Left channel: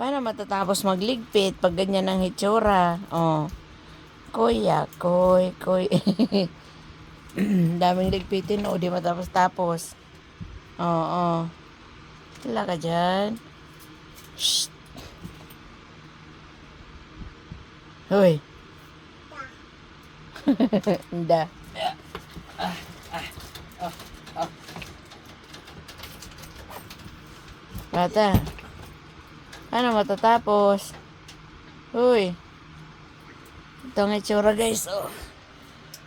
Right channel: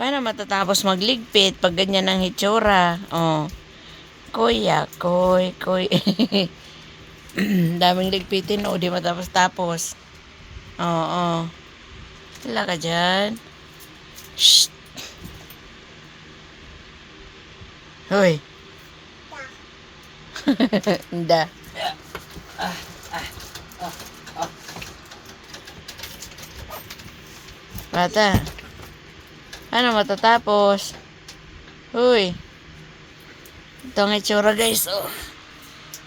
Paano matatapos magligpit pag ganyan ang hitsura? Oh. Kuya, koy, koy. Daming ligpitin, o di matapos-tapos. Oo, oh, Wala ka dyan. Shh. Hoy. Hindi. Bata. Ano matatapos? Uy. Ito ang itsura guys. Oh.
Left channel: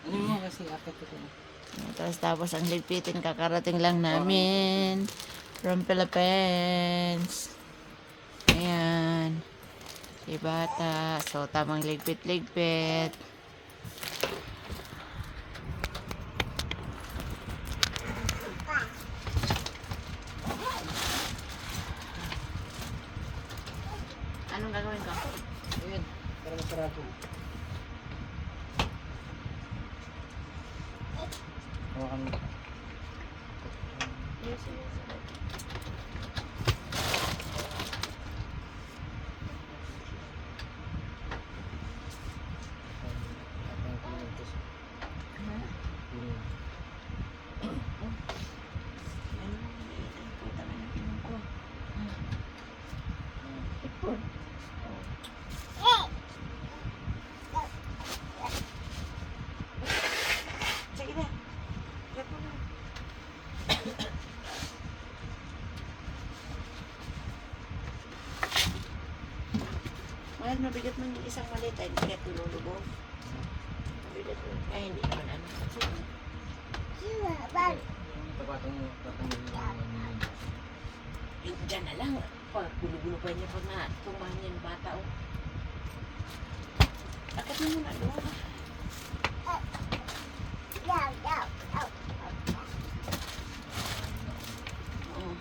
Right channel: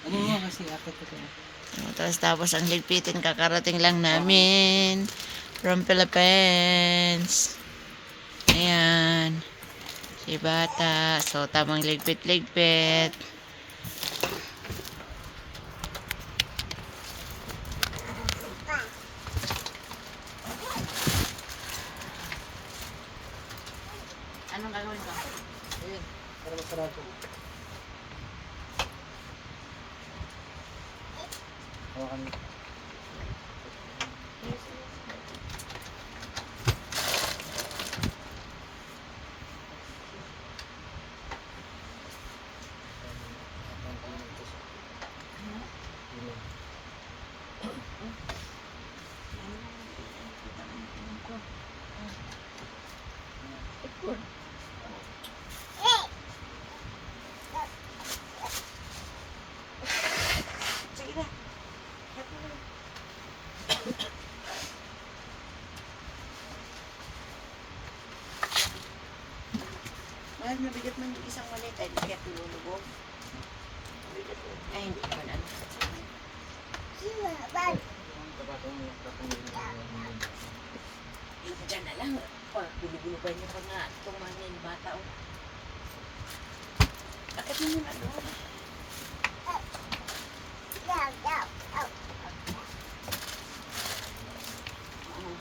Ano mo kasi akit ito. Tapos tapos ang ligpitin kakarating lang namin from Philippines. Ayan. Si bata. So tamang ligpit-ligpit. Ayun, para masarado. Hawakan mo. Sige na. Mahal, mabigat man yung isang malit ay tululubog. Mabigat mo. Ay, hindi naman ano. Yung dyan na lang. Oh, gulo-gulo pa niya pag nga tumahan niya yung bata. Oh. Akit mo muna doon. Oo.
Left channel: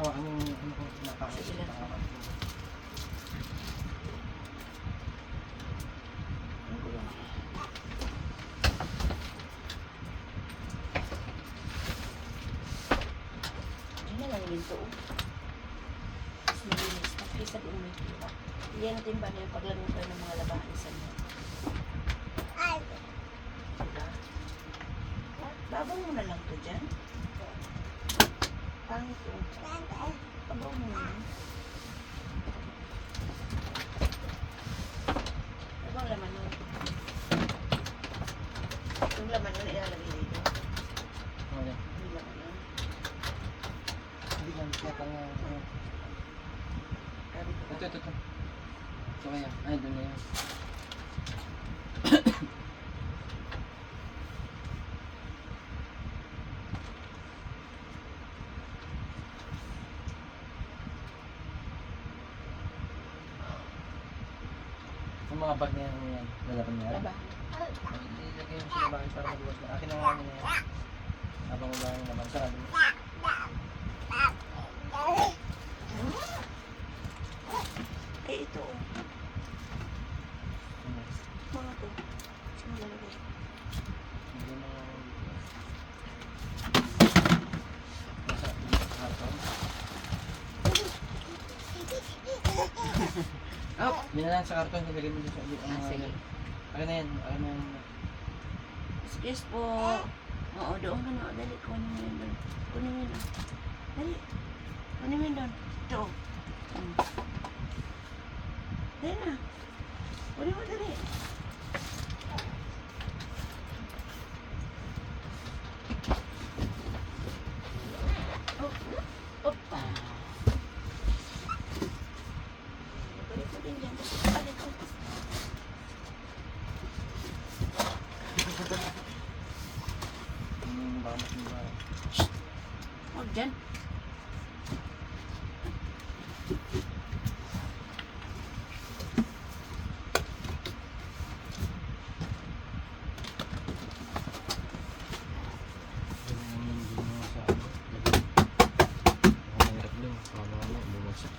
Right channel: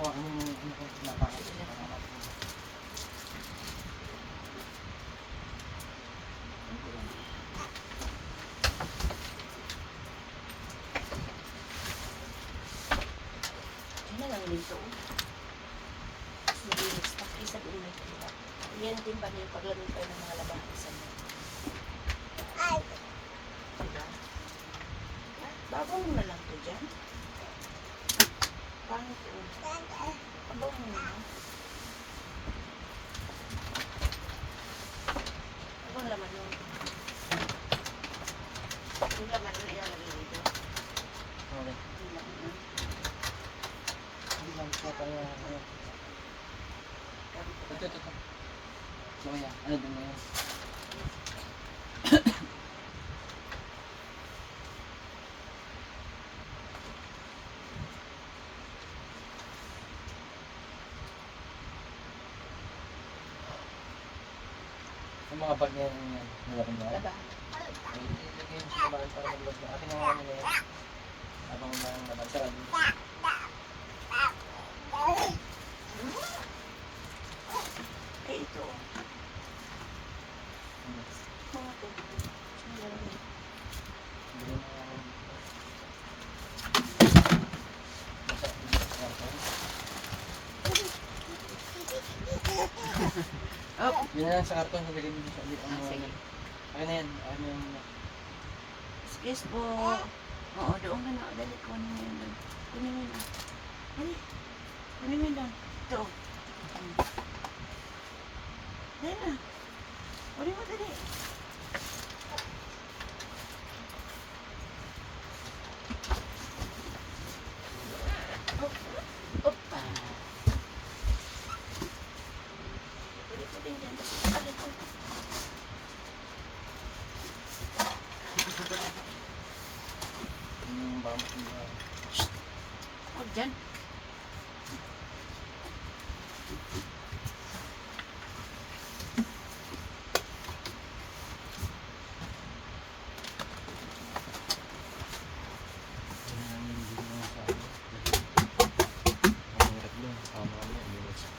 Hawakan mo yung ano ko, napakit. Sige lang. Pangamat mo. Diyan na lang dito. oh. Malinis na. Kaysa doon may tuwa. Yan timba na yung paglamig kayo ng mga labahan niyo. Diba? Babong mo na lang to dyan. Pangit po. Babong mo na lang. Babong laman nun. Yung laman nun ilalagay dito. Okay. Yung laman nun. Hindi lang siya kaya. ano. Ito, ito, ito. Ito kaya. Ay, doon na yan. Yung mga bag na yan, yan. Nalaban niya. Labahan. Ay, ilagay yung sinabahan para maluwag na. Akin na nga ano na yan. Habang wala yung laban. Saka, Eh, ito. ano, Mga to. Saan lalagay? hindi na Nasa, nasa karton. Oh. Yun na lang sa karton, ilagay mo sa ang Ah, sige. Akin na yan, akin na yan. Excuse po. Oo, doon ka na. Dali, kunin mo yun doon. Kunin mo yun ah. Dali. Kunin mo yun doon. Ito. Hmm. Dali na. Kunin mo dali. Op. Opa. Dali ko din dyan. Basta dali ko. Yung baka mas mga Huwag dyan. yung hindi mo sa ano. Baka mahirap lang. Baka mamaya, bumagsak.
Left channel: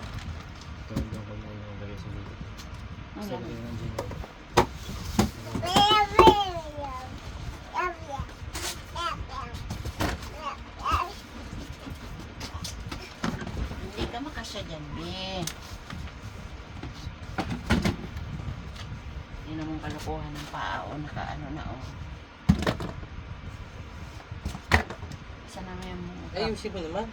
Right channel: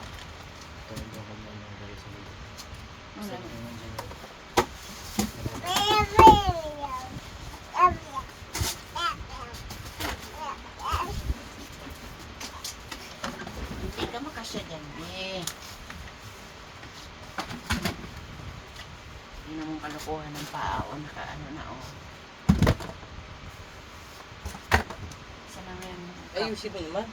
Ito lang kami yung dali sa dito. Ang Ito lamig. yung dyan. Tama ka siya dyan, be. Kalokohan ng paa o naka ano na o. Saan na ngayon? Ayusin mo naman.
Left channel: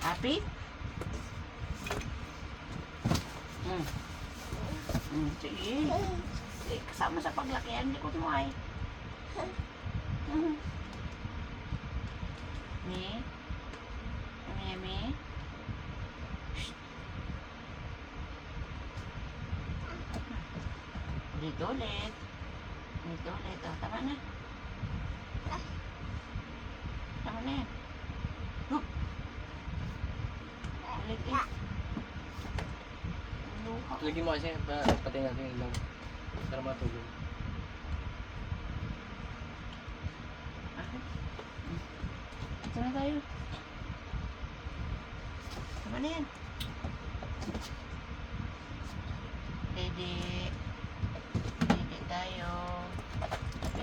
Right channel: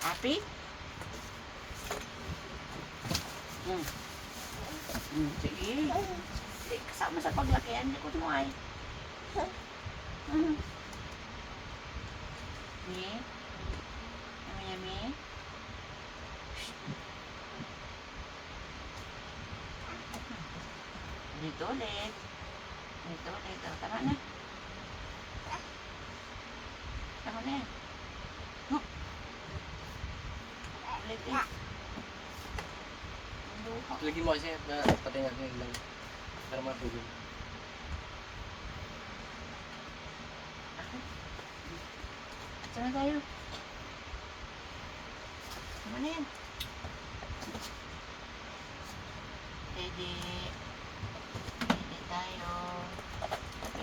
Happy? Hmm. Hmm, sige. Sige, kasama sa paglakihan, likod mo ay. Hmm. Ulit ulit. Ulit ulit. Oh, tama na. Tama na yan. Huh. Ulit eh. Ang luha. Lagyan mo kasi pa, pati natin yung lang. Para matulog. Akin. Sama tayo. Sama na yan.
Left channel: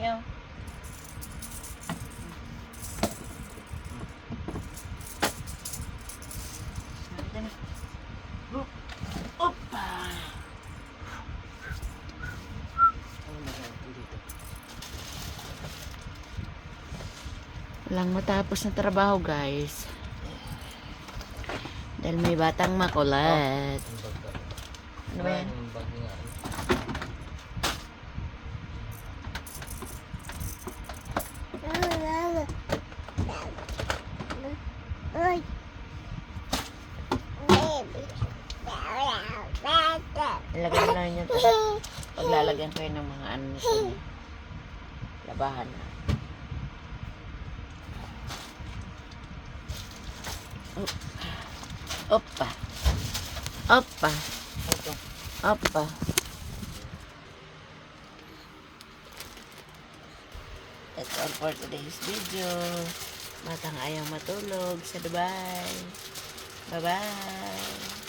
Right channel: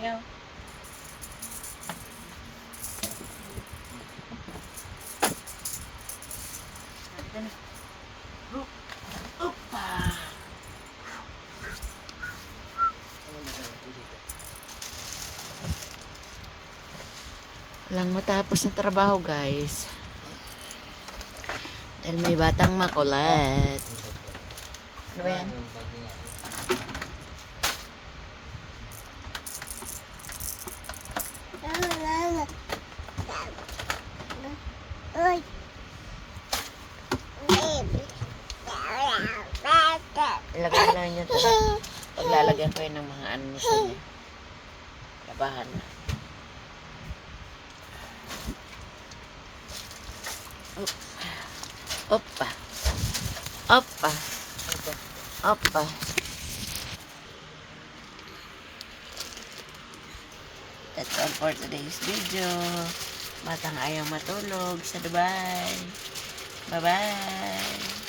Hoop. Opa! Walang matapos na trabaho, guys. Dahil may batang makulat. Ano ba yan? Ilagay na lang yun. Paglalagyan ko yun ng mga ano nito. no? Labahan na. Op- Opa. Opa. Opa. That's all for today's video. Batang ayaw matulog sa Dubai. Bye-bye.